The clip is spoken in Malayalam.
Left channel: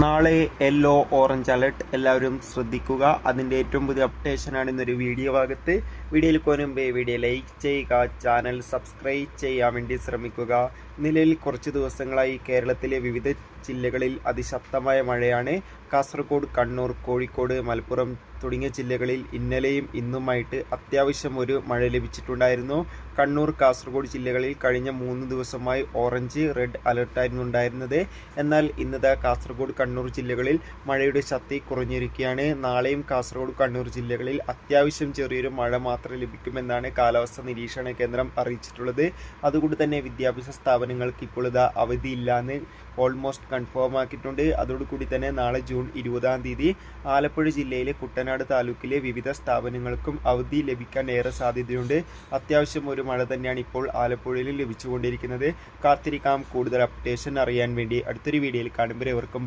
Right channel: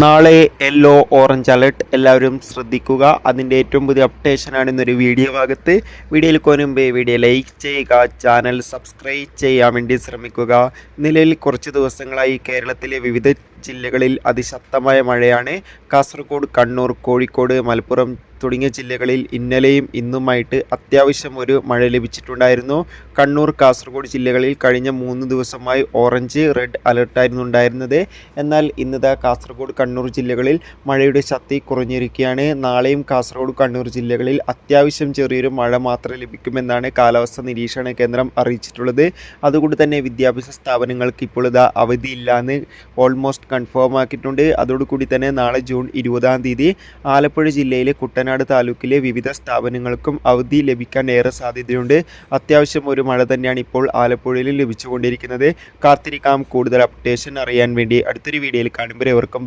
നാളെ യെല്ലോ ഓറഞ്ച് അലർട്ട് എല്ലാവരും ശ്രദ്ധിക്കുക. അതിൻ്റെ ഏറ്റവും പുതിയ അപ്ഡേഷനാണ് ഇന്നൊരു വീഡിയോ ഭാഗത്ത്. വീഡിയോയിൽ കൊനുമ്പേ വീഡിയോ ലൈക്ക് ചെയ്യുക, ചാനൽ സബ്സ്ക്രൈബ് ചെയ്യാൻ വേണ്ടി ശ്രമിക്കുക. നിലവിൽ കുറച്ച് ദിവസങ്ങളായി കേരളത്തിലെ വിവിധ ജില്ലകളിൽ അതിശക്തമായ മഴയാണ്. കാസർഗോഡ്, കണ്ണൂർ, കോഴിക്കോട്, മലപ്പുറം തുടങ്ങിയ ജില്ലകളിൽ ഇന്നലെയും ഇന്നുമായിട്ട് അത്യാവശ്യം ഒരു മഴ ലഭിച്ചിട്ടുണ്ടായിരുന്നു. കണ്ണൂർ, കാസർഗോഡ് ജില്ലകളിൽ കഴിഞ്ഞ 3 ദിവസമായി ഓറഞ്ച്, റെഡ് അലർട്ടായിരുന്നു ഉണ്ടായിരുന്നത്. എന്നാൽ ഇന്നതാ കാസർഗോഡ്, കണ്ണൂർ ജില്ലകളിൽ മഴയുടെ ശക്തി കുറഞ്ഞിരിക്കുകയാണ്. നാളെയും കാസർഗോഡ്, കണ്ണൂർ ജില്ലകളിൽ അത്യാവശ്യം ചെറിയൊരു മഴ മാത്രം ലഭിക്കുമെന്നാണ് കാലാവസ്ഥാ നിരീക്ഷണ കേന്ദ്രം അറിയിച്ചിട്ടുള്ളത്. അതുകൊണ്ട് തന്നെ വിദ്യാഭ്യാസ സ്ഥാപനങ്ങൾക്ക് ഇപ്പോൾ ഇതാ അവധിയില്ലാന്ന് ഓൾമോസ്റ്റ് കൺഫേം ആക്കിയിട്ടുണ്ട്. അതോടുകൂടി തന്നെ നാളെ ജൂൺ 20-ാം തീയതി ആലപ്പുഴ ജില്ലയിലെ കുട്ടനാട് താലൂക്കിലെ വിവിധ സ്ഥാപനങ്ങൾക്കും അവധി ലഭിക്കാൻ ഏറെ സാധ്യതയുണ്ട്. അത്യാവശ്യം ഒരു മഴ തന്നെയാണ് ഇപ്പോൾ ആലപ്പുഴയിൽ ലഭിച്ചുകൊണ്ടിരിക്കുന്നത്. കാത്തിരിക്കാം കൂടുതൽ അപ്ഡേഷൻ അറിയാൻ വേണ്ടി. അടുത്തൊരു വീഡിയോയിൽ കാണുമ്പോൾ എവർക്കും